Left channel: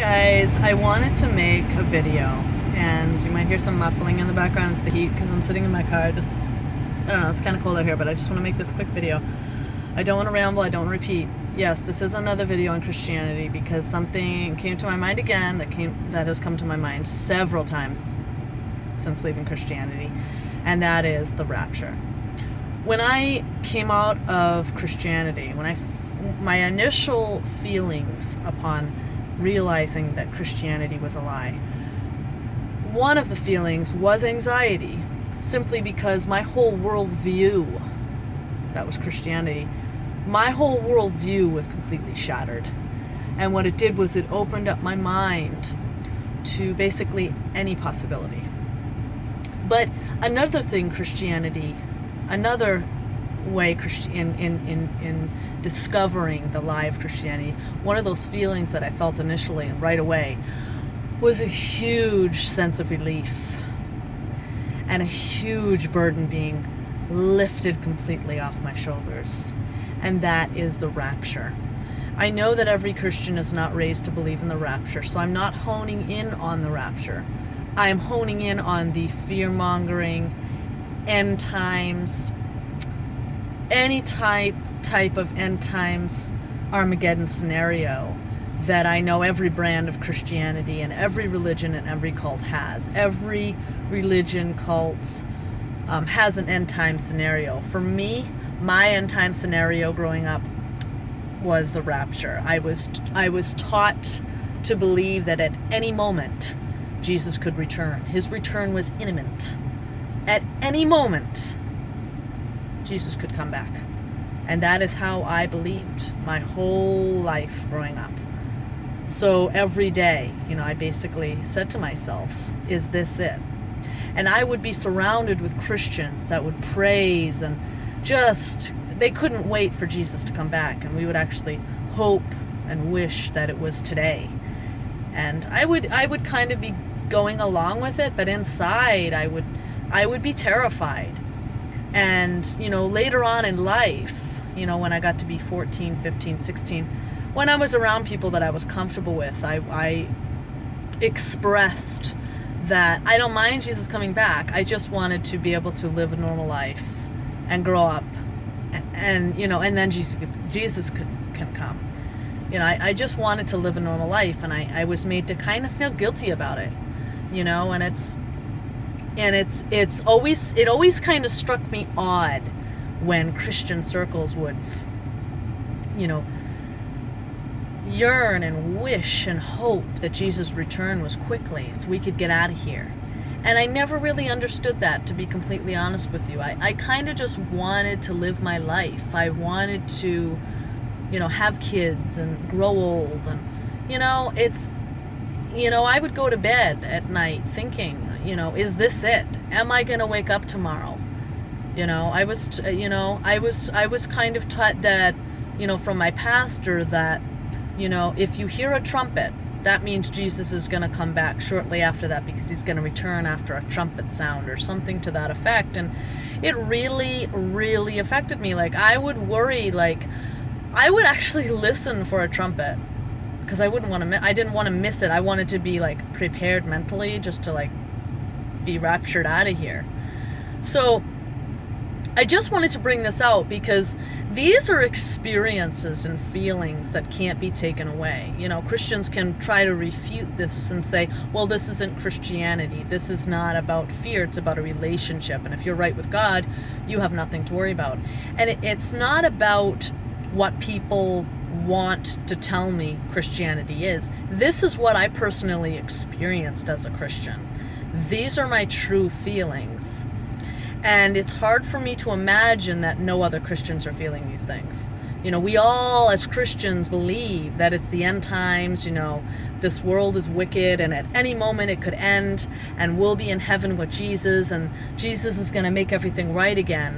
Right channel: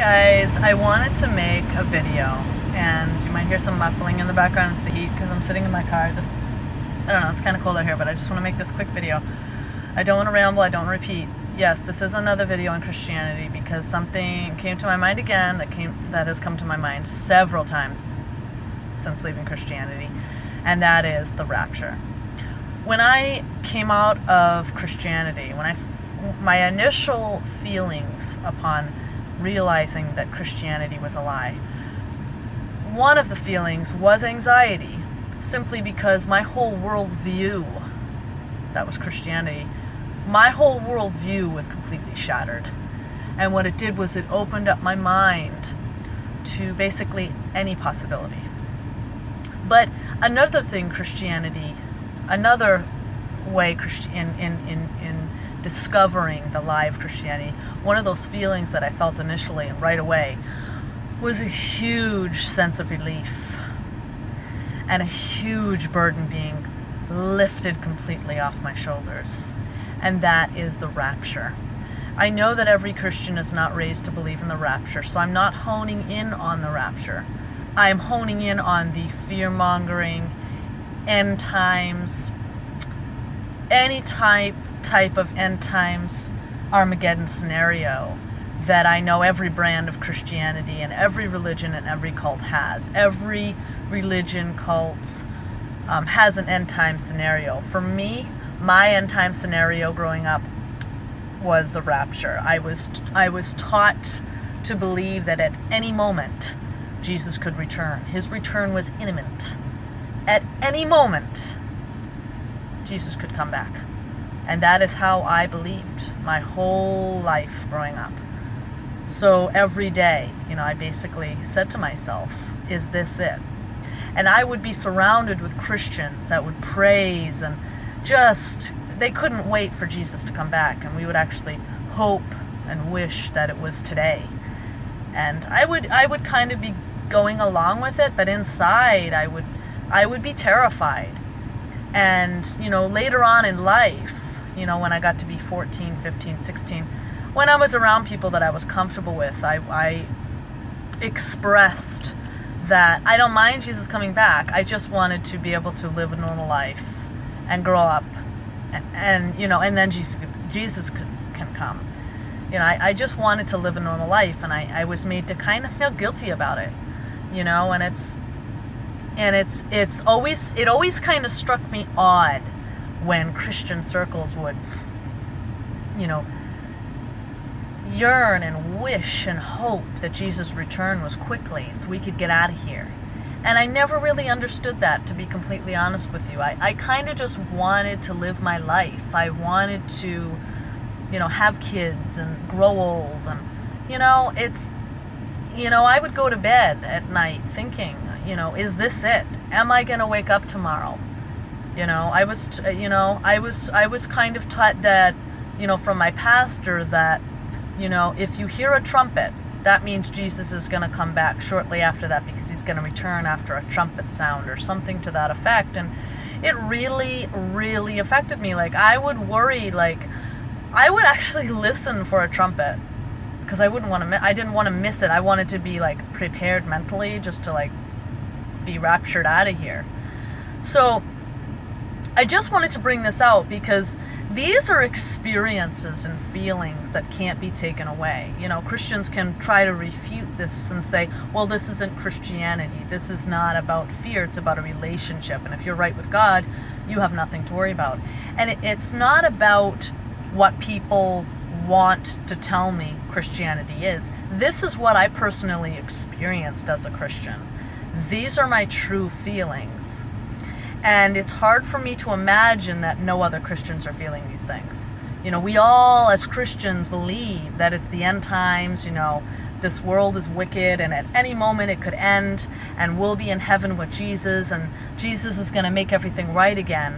Guys, I wanted to make a video, and you might hear some muffling in the background. It's the heat because I'm sitting in my car. I don't know, it's kind of cold out here, but I just want to make this quick video. I don't want to ramble, I don't want to repeat. Yes, this is another video on Christianity because something came to my mind again that has come to my mind several times since leaving Christianity, and that is the rapture. When I came out of Christianity, my initial feelings upon realizing that Christianity was a lie, one of the feelings was anxiety, simply because my whole worldview, that was Christianity, my whole worldview was completely shattered. And what it did was it opened up my mind to basically any possibility. But another way in discovering the lie of Christianity, one of those feelings that I felt initially and right away was a huge sense of relief and a huge burden being lifted completely off my shoulders, and that is the rapture. I know that every Christian is not raised to believe in the rapture, so I'm not honing in on the rapture. I am honing in on the fear-mongering, end times, any type of end times Armageddon scenario that I know every brand of Christianity and every religion and every cult has. Every religion, cult has an end time scenario. For me, my end time scenario growing up was the rapture. I was taught to believe that at any moment Jesus could return. His return was imminent. At any moment Jesus could come back. And that is how I believed my whole life growing up. So every day, I basically said to myself, is this it? And I would be surrounded with Christians that would praise and they couldn't wait for Jesus to come back. And we would actually hope and wish that it was today. And I would kind of be going along with it, but inside I would be terrified. And, later on in life, when I got to be 14, 15, 16, when I was around people that I was comfortable with, I expressed that I don't mind Jesus coming back. I just wanted to be able to live a normal life and grow up and then Jesus can come. I just wanted to live a normal life, and I was made to kind of feel guilty about it, and it always kind of struck me odd when Christian circles would, yearn and wish and hope that Jesus' return was quickly so we could get out of here. And I never really understood that, to be completely honest with you. I kind of just wanted to live my life. I wanted to, have kids and grow old. And, I would go to bed at night thinking, is this it? Am I going to wake up tomorrow? I was kind of taught that, from my pastor that, if you hear a trumpet, that means Jesus is going to come back shortly after that because he's going to return after a trumpet sound or something to that effect. And it really, really affected me. Like, I would worry, I would actually listen for a trumpet because I didn't want to miss it. I wanted to be, prepared mentally just to, be raptured out of here. So I just wanted to bring this out because these are experiences and feelings that can't be taken away. Christians can try to refute this and say, well, this isn't Christianity. This is not about fear. It's about a relationship. And if you're right with God, you have nothing to worry about. And it's not about what people want to tell me Christianity is. This is what I personally experienced as a Christian. These are my true feelings. And it's hard for me to imagine that no other Christians are feeling these things. We all as Christians believe that it's the end times, this world is wicked and at any moment it could end and we'll be in heaven with Jesus and Jesus is going to make everything right again.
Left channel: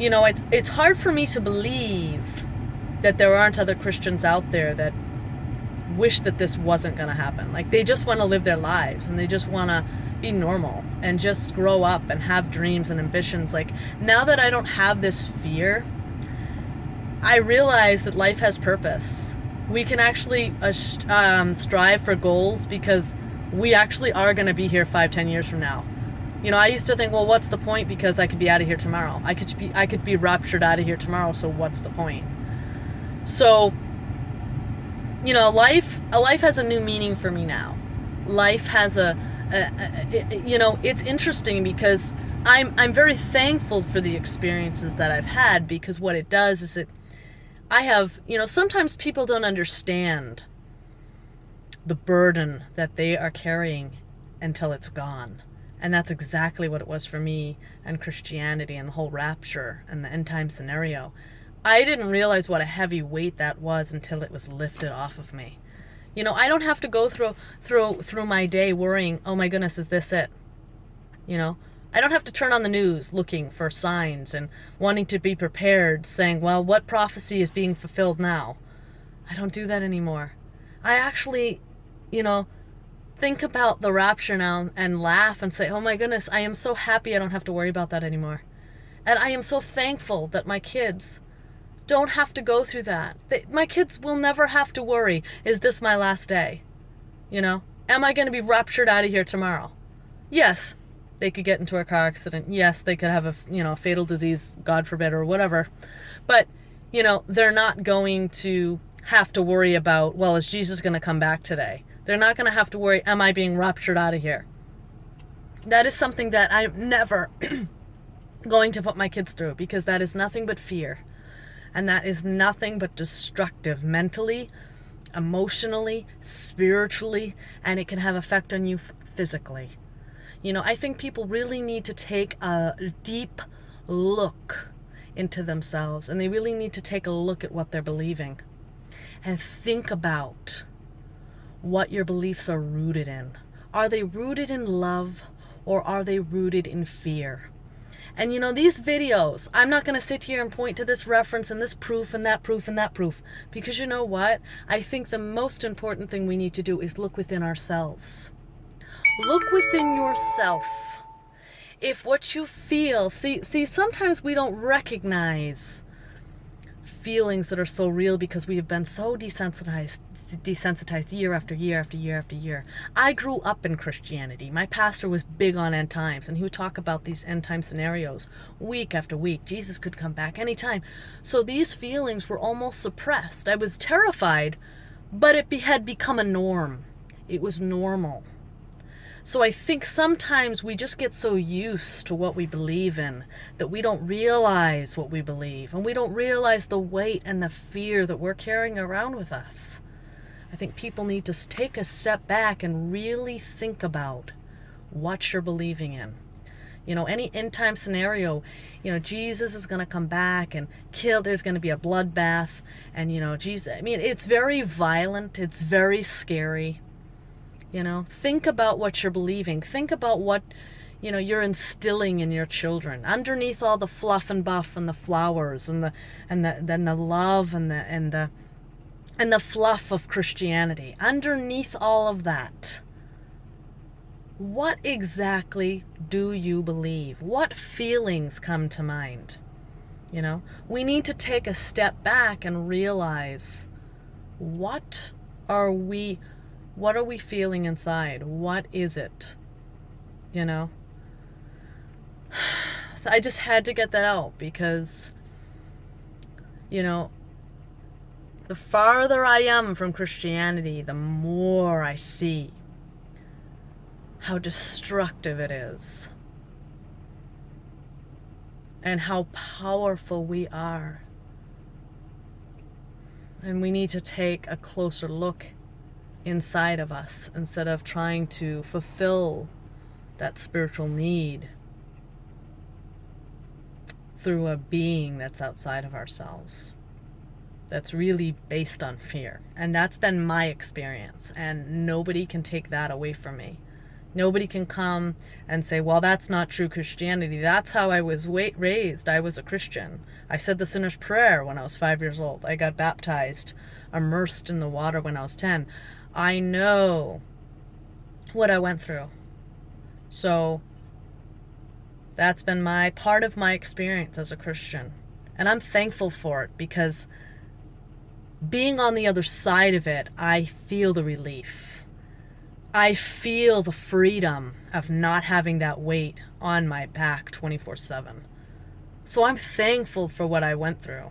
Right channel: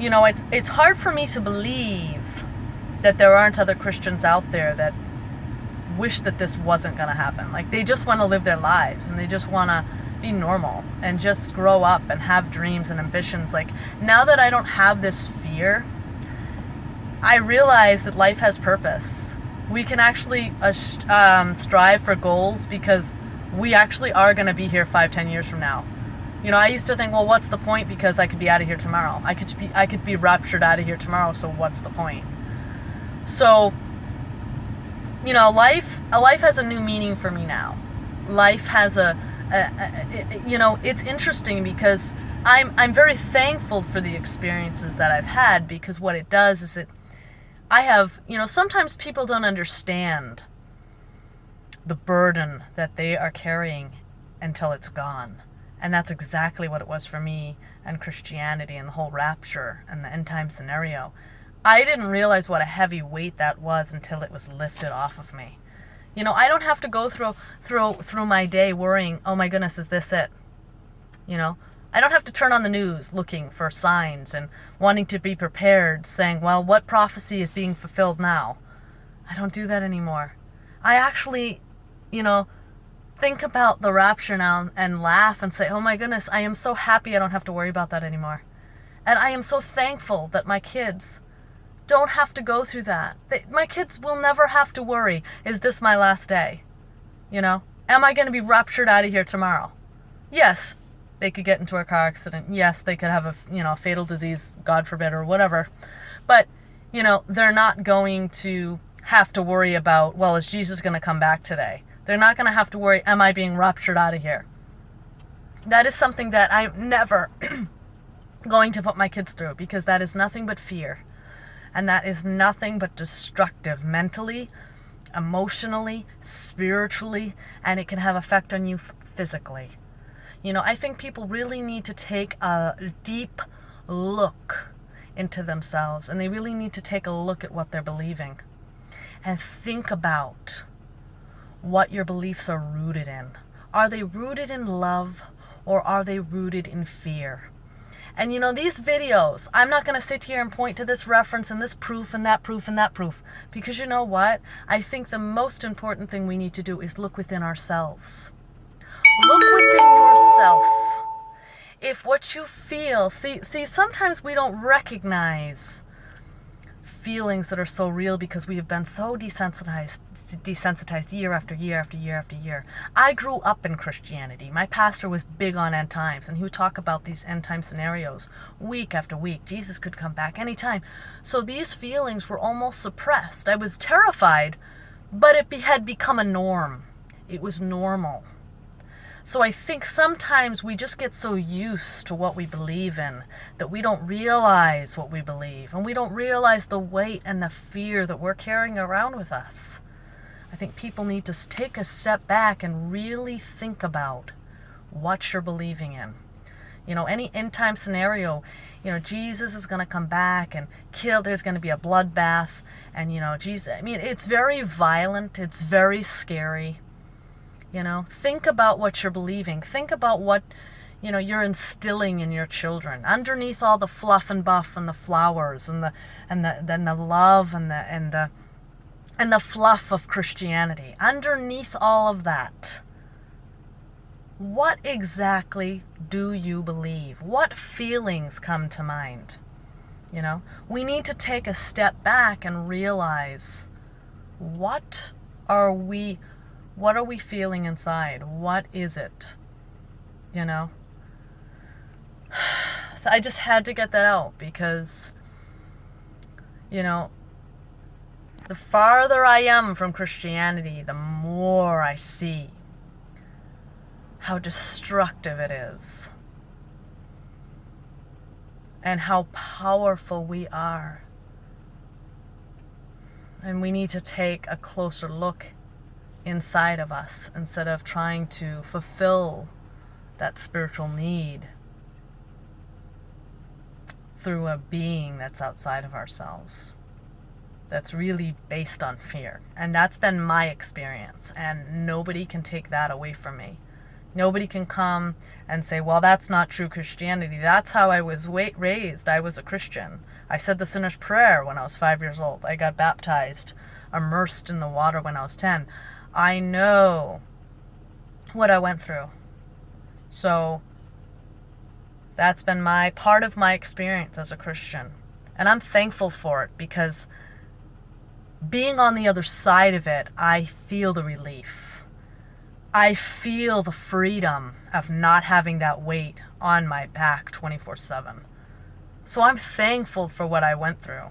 It's hard for me to believe that there aren't other Christians out there that wish that this wasn't going to happen. They just want to live their lives and they just want to be normal and just grow up and have dreams and ambitions. Now that I don't have this fear, I realize that life has purpose. we can actually strive for goals, because we actually are going to be here 5-10 years from now. You know, I used to think, well, what's the point, because I could be out of here tomorrow. I could be raptured out of here tomorrow, so what's the point? So, you know, life has a new meaning for me now. Life has you know, it's interesting because I'm very thankful for the experiences that I've had, because what it does is I have, you know, sometimes people don't understand the burden that they are carrying until it's gone. And that's exactly what it was for me and Christianity and the whole rapture and the end time scenario. I didn't realize what a heavy weight that was until it was lifted off of me. You know, I don't have to go through my day worrying, oh my goodness, is this it? You know, I don't have to turn on the news looking for signs and wanting to be prepared, saying, well, what prophecy is being fulfilled now? I don't do that anymore. I actually, you know, think about the rapture now and laugh and say, oh my goodness, I am so happy I don't have to worry about that anymore. And I am so thankful that my kids don't have to go through that. My kids will never have to worry, is this my last day? You know, am I going to be raptured out of here tomorrow? Yes, they could get into a car accident. Yes, they could have a fatal disease, God forbid, or whatever. But, you know, they're not going to have to worry about, well, is Jesus going to come back today? They're not going to have to worry, am I being raptured out of here? That is something that I'm never going to put my kids through, because that is nothing but fear. And that is nothing but destructive mentally, emotionally, spiritually, and it can have effect on you physically. You know, I think people really need to take a deep look into themselves, and they really need to take a look at what they're believing and think about what your beliefs are rooted in. Are they rooted in love, or are they rooted in fear? And you know, these videos, I'm not going to sit here and point to this reference and this proof and that proof and that proof, because you know what? I think the most important thing we need to do is look within ourselves. Look within yourself. If what you feel, see, sometimes we don't recognize feelings that are so real because we have been so desensitized year after year after year after year. I grew up in Christianity. My pastor was big on end times, and he would talk about these end time scenarios week after week. Jesus could come back anytime. So these feelings were almost suppressed. I was terrified, but it had become a norm. It was normal. So I think sometimes we just get so used to what we believe in that we don't realize what we believe, and we don't realize the weight and the fear that we're carrying around with us. I think people need to take a step back and really think about what you're believing in. You know, any end time scenario, you know, Jesus is going to come back and kill, there's going to be a bloodbath, and you know, Jesus, I mean, it's very violent, it's very scary. You know, think about what you're believing. Think about what, you know, you're instilling in your children. Underneath all the fluff and buff and the flowers and the love and the fluff of Christianity. Underneath all of that, what exactly do you believe? What feelings come to mind? You know, we need to take a step back and realize, what are we feeling inside? What is it? You know? I just had to get that out, because, you know, the farther I am from Christianity, the more I see how destructive it is and how powerful we are. And we need to take a closer look inside of us instead of trying to fulfill that spiritual need through a being that's outside of ourselves, that's really based on fear. And that's been my experience, and nobody can take that away from me. Nobody can come and say, well, that's not true Christianity. That's how I was raised. I was a Christian. I said the sinner's prayer when I was 5 years old. I got baptized, immersed in the water when I was 10. I know what I went through. So that's been part of my experience as a Christian. And I'm thankful for it, because being on the other side of it, I feel the relief. I feel the freedom of not having that weight on my back 24/7. So I'm thankful for what I went through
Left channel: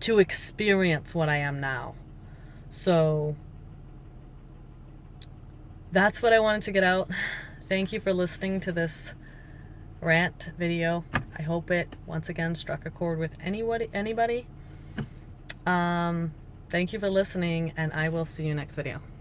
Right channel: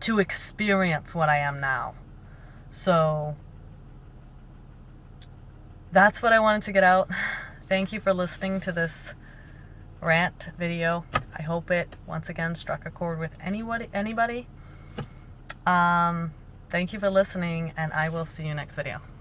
to experience what I am now. So that's what I wanted to get out. Thank you for listening to this rant video. I hope it once again struck a chord with anybody. Thank you for listening, and I will see you next video.